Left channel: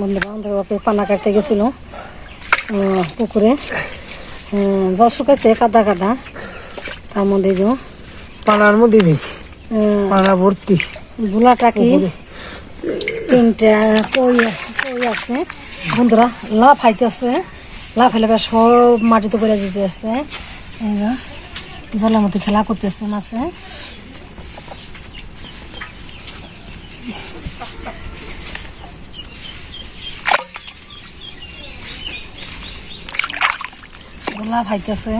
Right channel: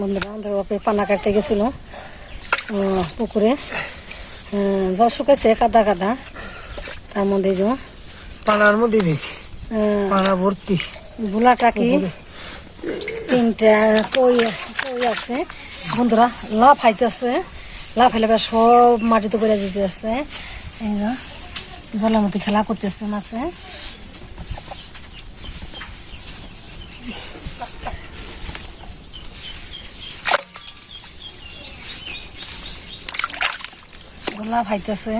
বন্ধুরা আমাদের বাপে পানা কাটতে গেছিল পুকুরে। জল শুকাইছে কাদা কাদা। তার মধ্যে যে পানার মধ্যে আহ, পানা ভর্তি। বুলা টাকি তিনটা কই কই আছে? বন্ধুরা লাভ হাইতেছে লাভ হাইলে বেশ সব মাটিতে করে দিতে আছে। জলের মধ্যে খেলা করতেছে মাছে। লাভ হাইতেছে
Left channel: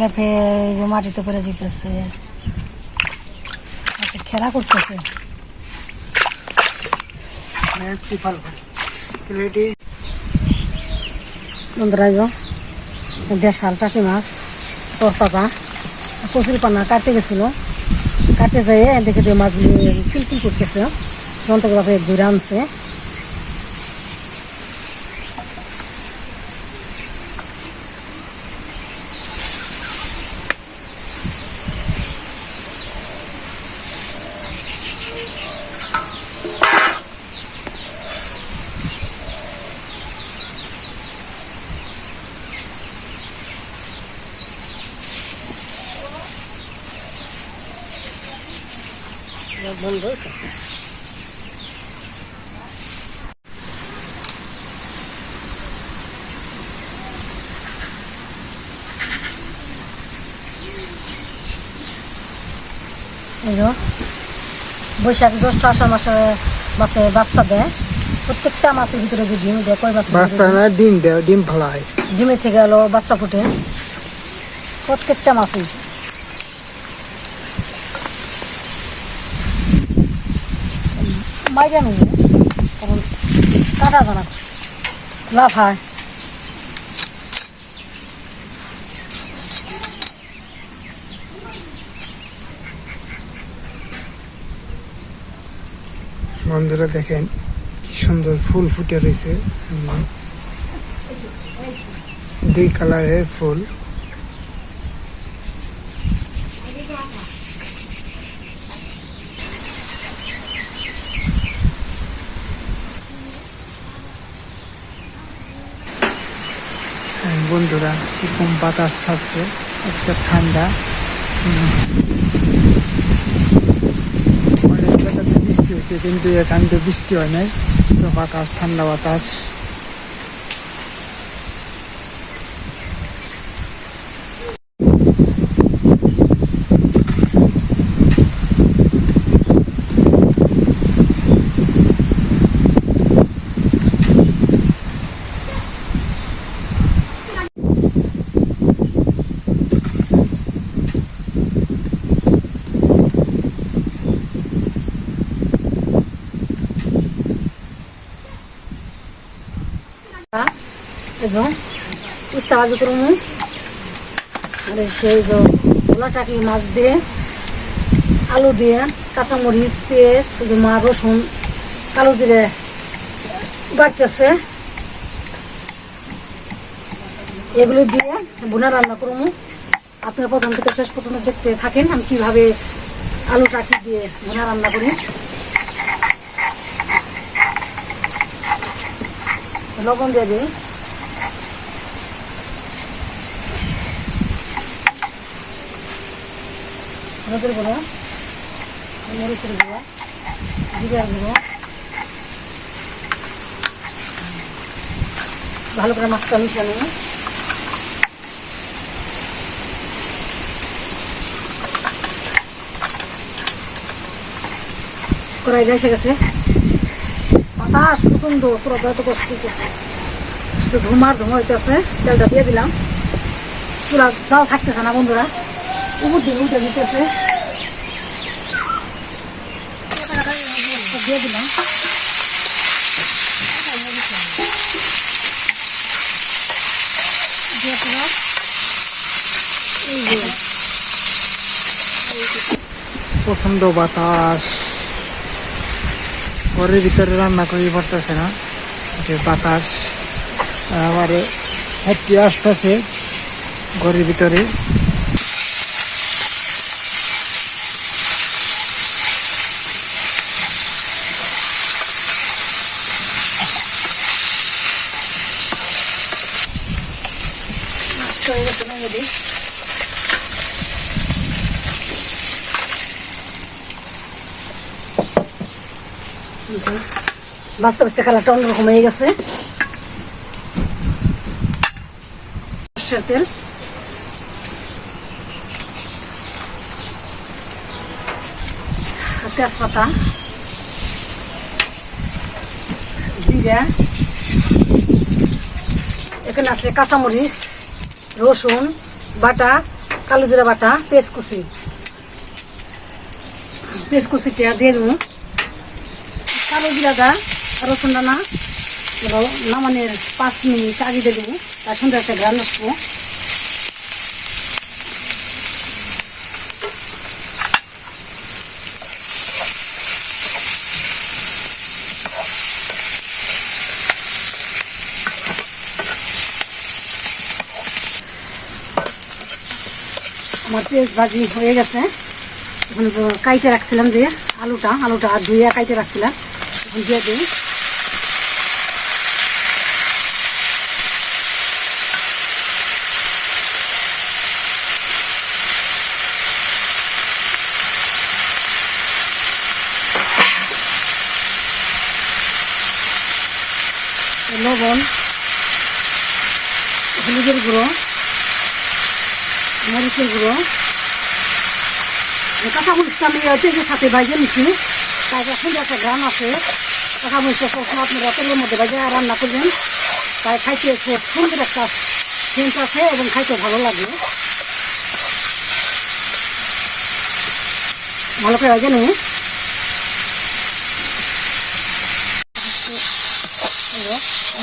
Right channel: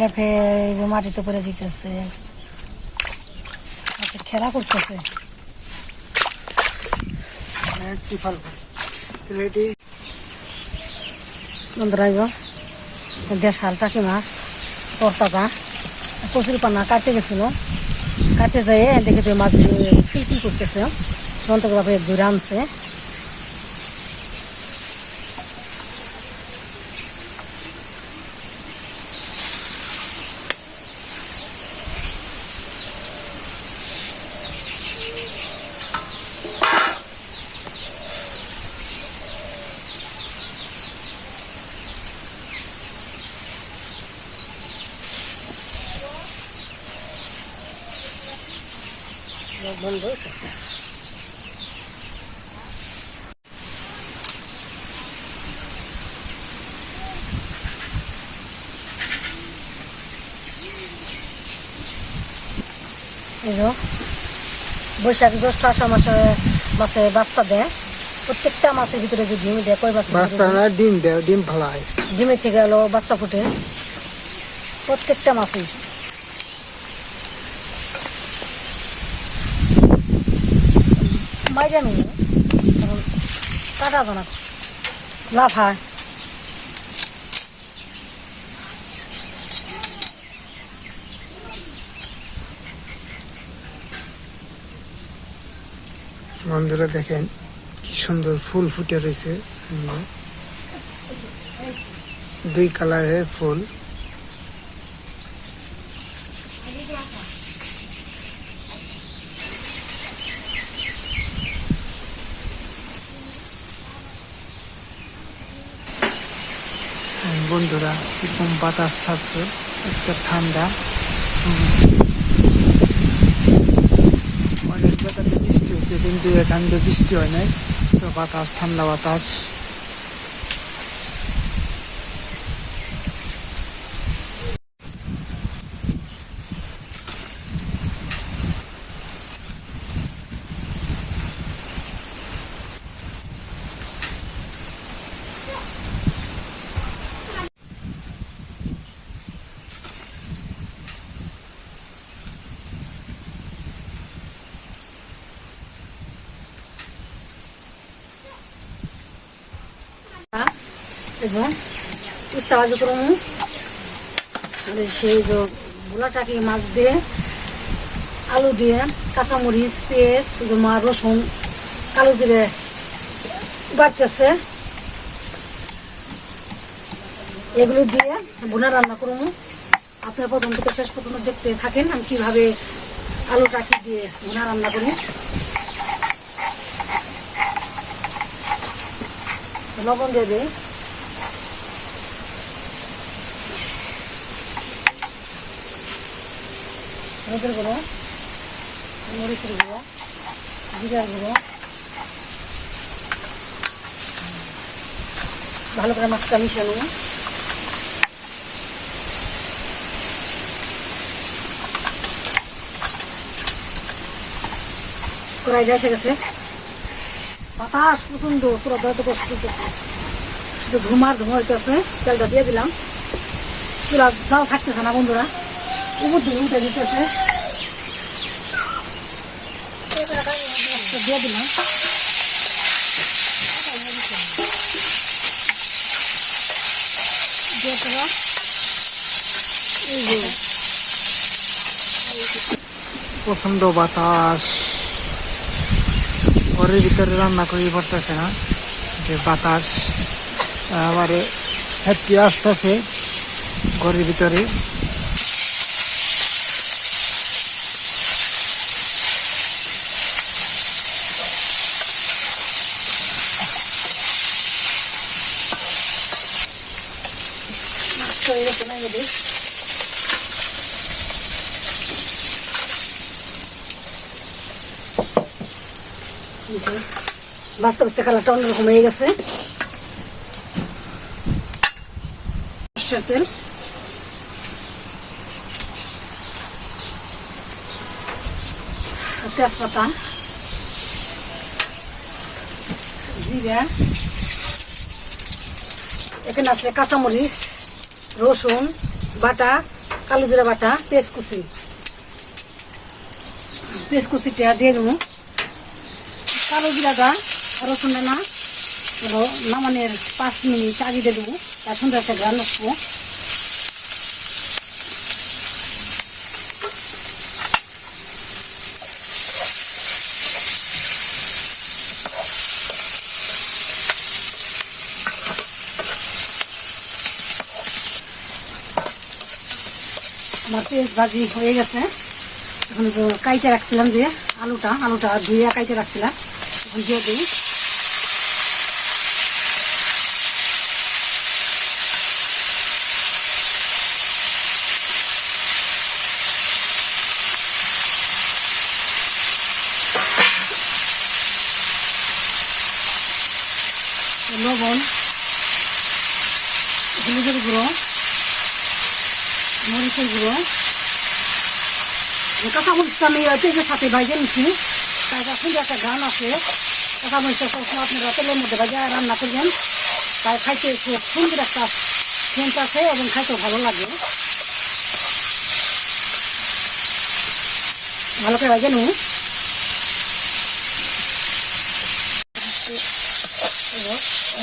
লাফে এই মাটিতে পড়ে দিতেছে আচ্ছা খেলা করতেছে। ত্রিপাল এটি বন্ধুরা, এই যে দেশাল টাকি মাছ তরতাজা কচুরি পানা কাটতে গেছিল। কাটতে যাই দেখে মাছগুলি কিলকিল করতেছে যন্ত্রকে বাপে দূরে আনছে। বন্ধ বৈশাখ জ্যৈষ্ঠ আষাঢ় মাসে মাছে বাচ্চা দেয়। প্রত্যেকটা মাছের ভিতরে যে ডিম দেয় কই মাছের বাচ্চা না ডিম দেয় ডিম ফেলায়। ডিমের থেকে হলো বাচ্চা ফুটে। প্রত্যেকটা মাছই মাইরা নেই কারণ কাটা জানা। লাভ হয়। বন্ধুরা দেখেন সুন্দর ফুল ফুটে রয়েছে। দুই কালারের ফুল। বন্ধুরা কীরকম বাতাস ছাড়ছে? আজকে ঠান্ডা। অনেক জায়গাতে বৃষ্টি হচ্ছে, কিন্তু এখান থেকে বৃষ্টি হয় নাই। তো বাতাস, ঠান্ডা বাতাস। ভাজি করব আর সেই যে ভোলা টাকি মাছ দিয়ে, আলু দিয়ে, কাঁচামরিচ, পেঁয়াজ মা রসুন দিয়ে বাড়তেছে এগুলি দিয়ে বোনা রান্না করব আপনার প্রথম থেকে শেষ পর্যন্ত দেখতে থাকেন আমি কীভাবে আলু টাকি দিয়ে বোনা রান্না করি। লবণ দিয়ে দিই। হলুদের গুঁড়ো, মরিচের গুঁড়ো, জিরার গুঁড়ো। ভালো করে মাছটা মিশানো কড়াই এসে গেছে। বাতাস প্রচণ্ড পুরো কষ্ট শুধু ধুমার ধুমা হইতেছে, তেলটা দিয়ে দিলাম। পুরা থাকতেছে না বন্ধুরা। দিতেছে। দিয়ে দিলাম। প্রচণ্ড বাতাস। ঘরের ভিতরে রান্না করি পারতেছে না। যে বাতাস আমার হেঁটে আসতেছে ঘরের ভিতরে নষ্ট হয়ে গেছে না এদের কালারটা অন্যরকম হয়ে গেছে। তেল তেজপাতা জিরা, এখানে আছে কাঁচামরিচ, রসুন, বাটা, কালো জিরা বাটা পেঁয়াজ কুচি। কুচিটা দিয়ে দেবো। নামানের পাঁচ মিনিট আগে আমার পেঁয়াজ ভাজি হয়ে গেছে। কাইটে রাখছিলাম যে আলুটা আলুটা ধুয়ে কাইটে রাখছিলাম। দিয়ে দিই লবণ হলুদের গুঁড়ো মরিচের গুঁড়ো কাঁচা মরিচটা আমি পেঁয়াজের সাথে ভাজে নিচ্ছি সুন্দর একটা গান আছে। ভাজে রান্না করবেন তাই খাইতে খুব একটা সেন্ট আছে এবং খাইতে ভালো লাগে। ভালো করে ভাজে নিন।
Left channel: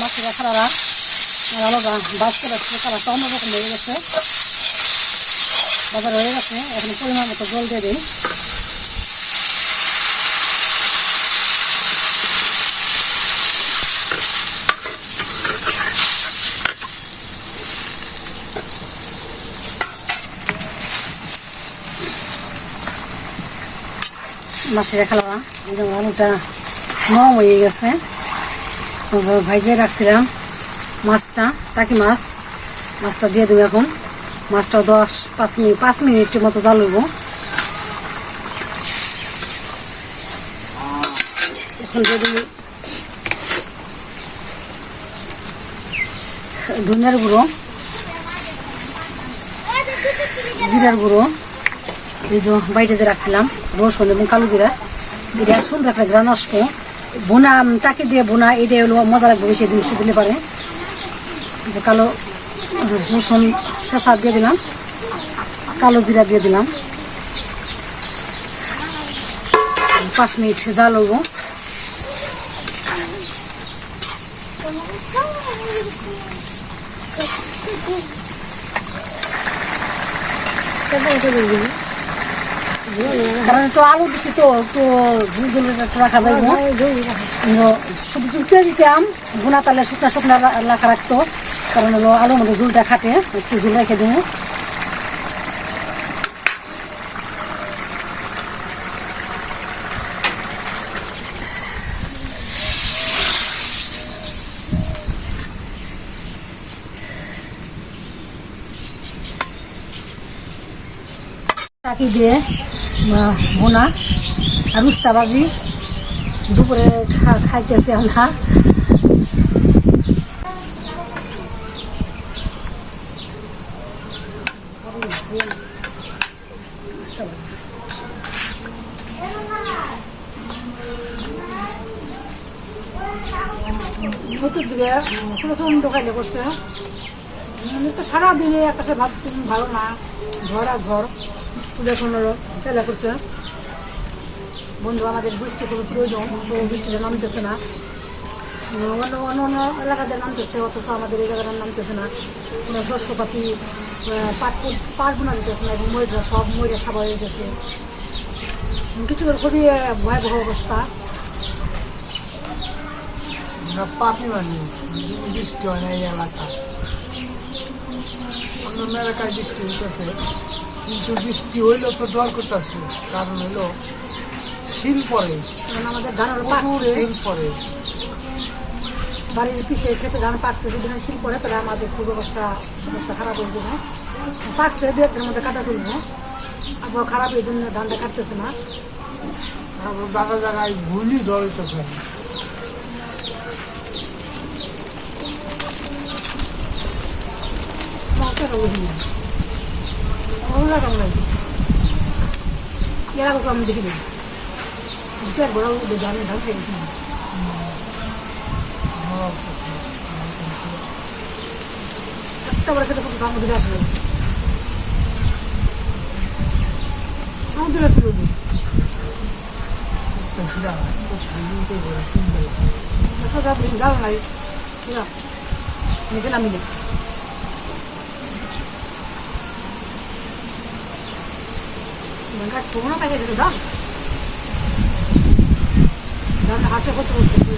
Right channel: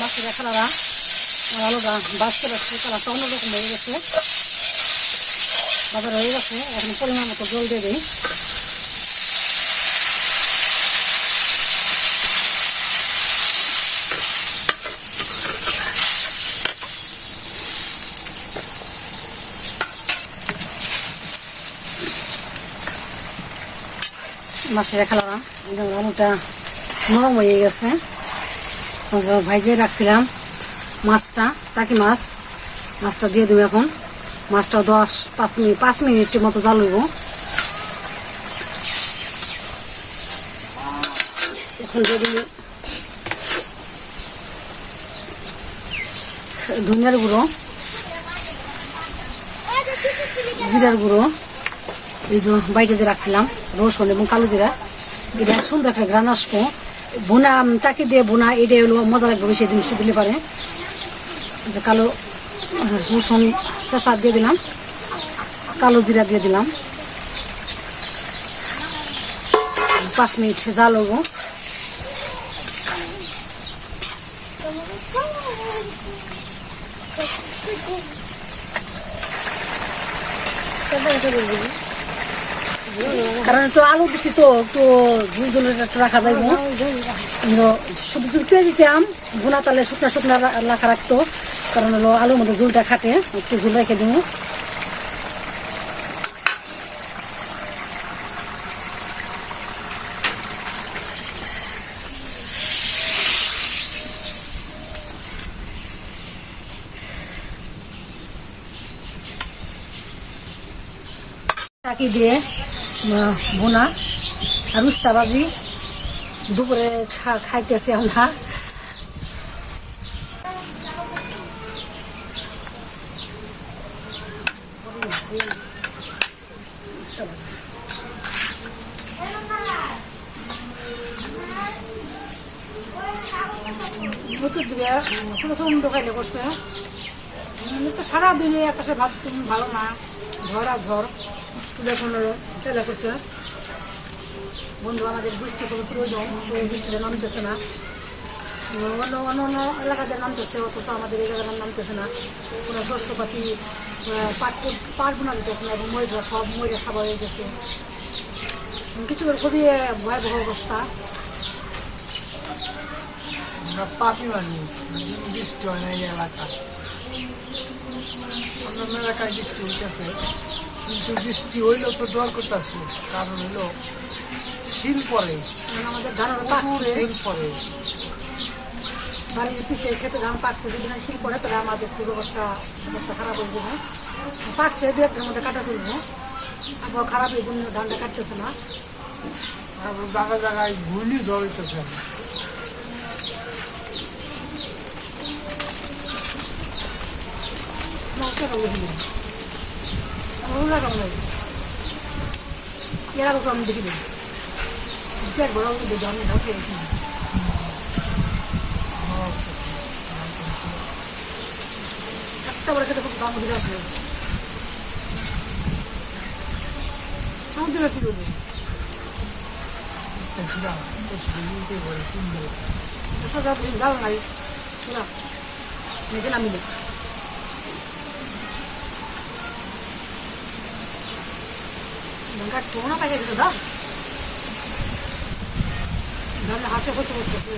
মাছের কালারা ভালো হয়ে গেছে। বাজার হয়ে গেছে, এখন জল দিয়ে দিই মাছের খালা আলুটা নরম হয়ে গেছে। ভাইজে রাখছিলাম মাছটা, টাকি মাছ। মাছটা দিয়ে দেবো এখন। মাছটা দশ, পাঁচ মিনিট, পাঁচ মিনিটের মতো জ্বালবো এখন দিয়ে দেবো ধনিয়ার গুঁড়ো, জিরার গুঁড়ো, এই যে বাইরে যে রাখছিলাম। রসুন এবং কালো জিরা। এটা সুন্দর একটা গ্রান বোনা টাকি দিয়ে বোনা এটা হলো মজা লাগবে সেই জিনিসটা দিলে পারে। যে কালো রসুন চেঁচা দিয়ে দিলাম, কালো জিরা দিয়ে দিলাম। পাঁচ মিনিট জাল হব। কারণ তো আলু দিছি তো তো ঝুল ঝুল রাখা যাবে শুধু ঝুলতে দিতাম গুনা তালে শুকনা শুকনা রাখা রাখতো। কারণ হলো আলুর মধ্যে ঝুলটা খাটে একটু ঝুল রেখে টাকি দিয়ে বোনা আর উস্তা বাজি দুপুরে খাইতেছে আমরা দিকে প্রচণ্ড খাইলে করছে তো সারাদিনে একটা ভাত ভালো না। ঝড় আর ঝড় তুলে চেলা করছে। বন্ধু, আমাদের বৃষ্টি খুবই প্রয়োজন, তো বৃষ্টিটা নামতেছে না। অন্য অন্য অন্য এলাকাতে নামতেছে, অথচ আমাদের এই জায়গাটা নামতেছে না। কোনো শস্যপাতি পাট পাট বোনা যেতেছে না এবং ময়রা সব ময়রা সাবা হয়ে গেছে কিছু খুবই ভয়াবহ অবস্থা। আমরা পাপি মানুষ বৃষ্টি হয় না এই এলাকায়। অন্যান্য এলাকায় বৃষ্টি হইতেছে। কিন্তু বৃষ্টি হইল তো ডর করতেছে। কারণ হইল শিল পরে শিল পরে বাড়ির পিছিয়ে খেতে ধান পাকছে যদি ধান শীত পড়ে তাহলে আমাদের খুব অবস্থা অবস্থা খারাপ হয়ে যাবে পাকছে দু একদিনের মধ্যে কাটা চলবে আবহাওয়া খারাপ এই জন্য ধানটা কাটতেছে না। তারপর জায়গায় জায়গায় ঘূর্ণি ঝড় হইতেছে মাকে হবে হিন্দু ভালো লাগাম লাগে। এরা কখন আমি দেখি দেখি দুটো বড় আমি ধান খাইছি একটা বড় খেতে খুব দাম দিকে আসবে সমুদ্রে তুলে দিই 뭔가 돈을 가야 되거 든. 난 앞에 것도 못 했 고.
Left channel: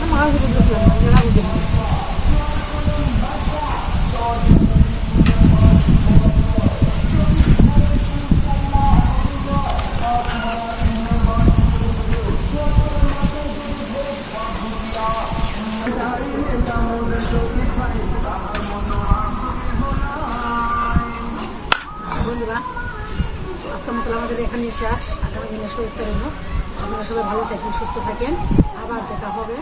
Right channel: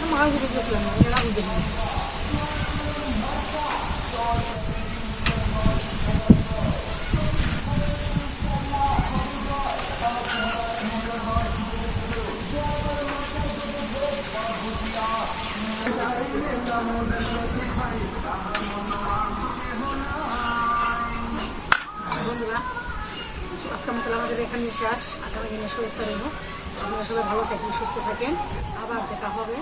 좀 하고 그러 고, 만나고 그러 고. এখানে শেষ আগামী দিনে শুভেচ্ছা আপনারা সবাই ভালো থাকেন সুস্থ থাকেন। আবার দেখা হবে।